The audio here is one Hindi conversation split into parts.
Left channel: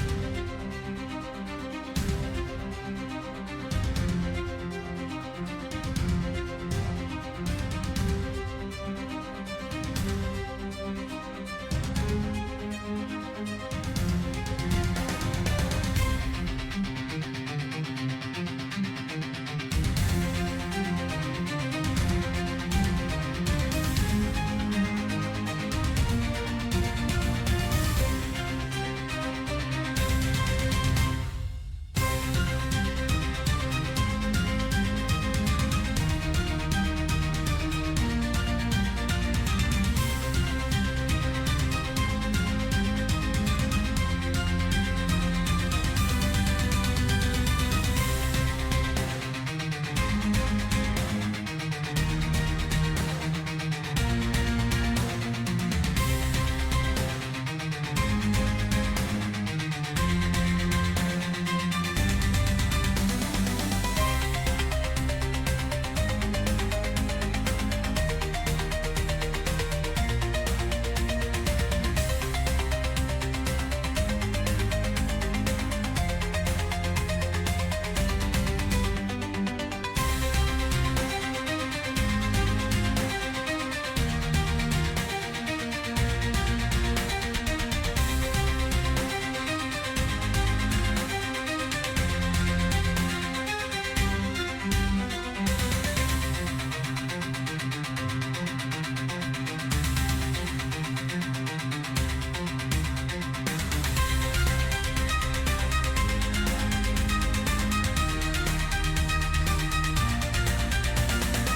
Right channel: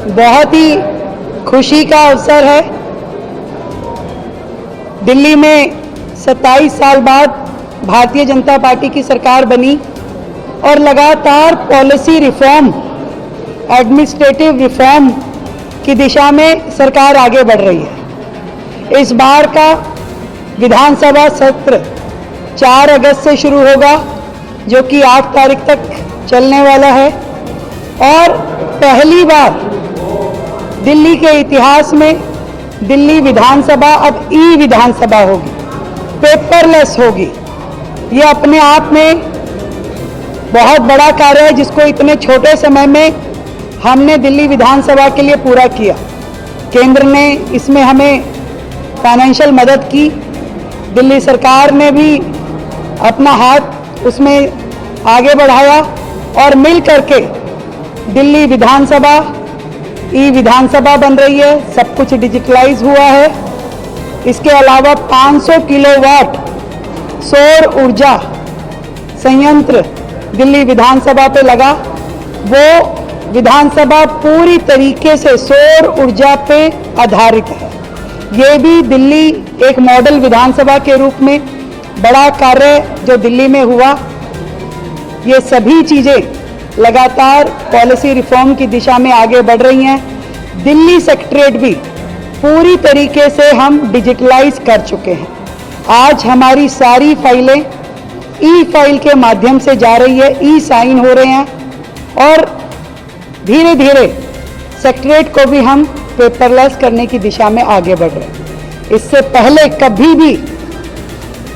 बहुत ही खुशी का अवसर है। दिल्ली में 27 साल बाद भारतीय जनता पार्टी की सरकार बनी और लगातार पॉलिसी रिफॉर्म, एडमिनिस्ट्रेटिव रिफॉर्म की दिशा में सरकार आगे बढ़ रही है। इस बार का विधानसभा सत्र 4 अगस्त से शुरू होगा, जो कि 8 तारीख तक चलने वाला है और पहली बार दिल्ली के इतिहास में दिल्ली विधानसभा अब ई विधानसभा होगी, पेपरलेस होगी। ये अपने आप में बहुत बड़ा कार्य है, जिसको इतने छोटे समय में हमने दिल्ली विधानसभा के लिए पूरा किया। केंद्र ने इसमें हमें फाइनेंशियल मदद की, दिल्ली सरकार ने भी अपना हाथ उसमें आगे बढ़ाया और मिल करके दिल्ली विधानसभा ई विधानसभा बन रही है। सब कुछ डिजिटलाइज हुआ है। इसके अलावा 500 किलोवाट सौर ऊर्जा संयंत्र दिल्ली विधानसभा पे लगा। वो विधानसभा पूरी तरीके से सौर ऊर्जा पे आधारित है। ये भी दिल्ली एक मॉडल विधानसभा के रूप में बड़ा कार्य जो दिल्ली में हुआ। ये सभी चीज़ें लगातार पॉलिसी रिफॉर्म की दिशा में आगे बढ़ रही हैं। दिल्ली सेक्रेटरीट भी पूरी तरीके से हम डिजिटलाइज कर चुके हैं। आज हमारी सारी फाइलें ई फाइल के माध्यम से जा रही है, ई साइन हो रहे हैं और धीरे धीरे सेक्रेटरीट को भी हम पेपरलेस करने की दिशा में आगे बढ़ रहे हैं। इससे पहले कभी भी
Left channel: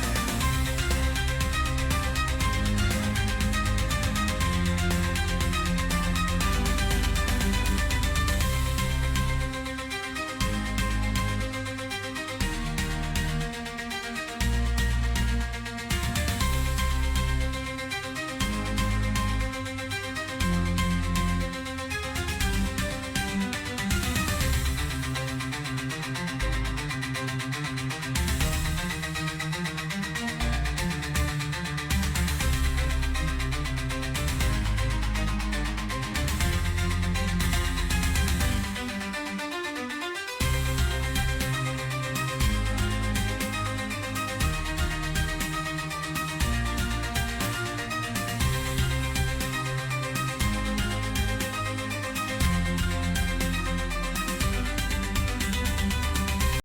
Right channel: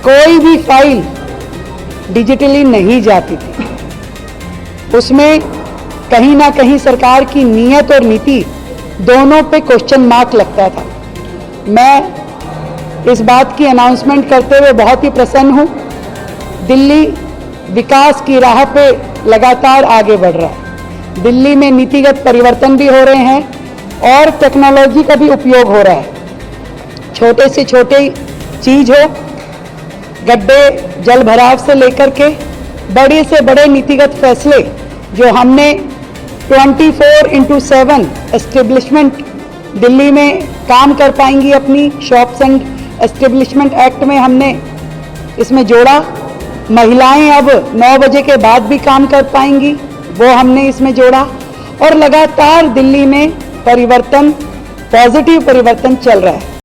कोई भी फाइल डिजिटली नहीं जाती थी। उसमें कहीं ना कहीं सरकार की नीयत और नीति दोनों पे क्वेश्चन मार्क लगता था। मैं इस बात की अनाउंसमेंट करते हुए बहुत ही प्रसन्न हूँ। दिल्ली विकास की राह पे लगातार आगे बढ़ रहा है। दिल्ली में नीतिगत परिवर्तन भी हो रहे हैं और टेक्नोलॉजी का भी उपयोग हो रहा है। छोटे से छोटे चीज हो, गड्ढे जल भराव से लेकर के बड़े से बड़े नीतिगत फैसले जो हमने 24/7 एस्टेब्लिशमेंट दिल्ली में काम कर पाएंगी। अपनी शॉप्स एंड एस्टेब्लिशमेंट एक्ट में हमने इसमें जोड़ा। महिलाएं अब 9 बजे के बाद भी काम कर पाएंगी, वो हमने इसमें जोड़ा। और लगातार दिल्ली में परिवर्तन, पॉजिटिव परिवर्तन चल रहा है।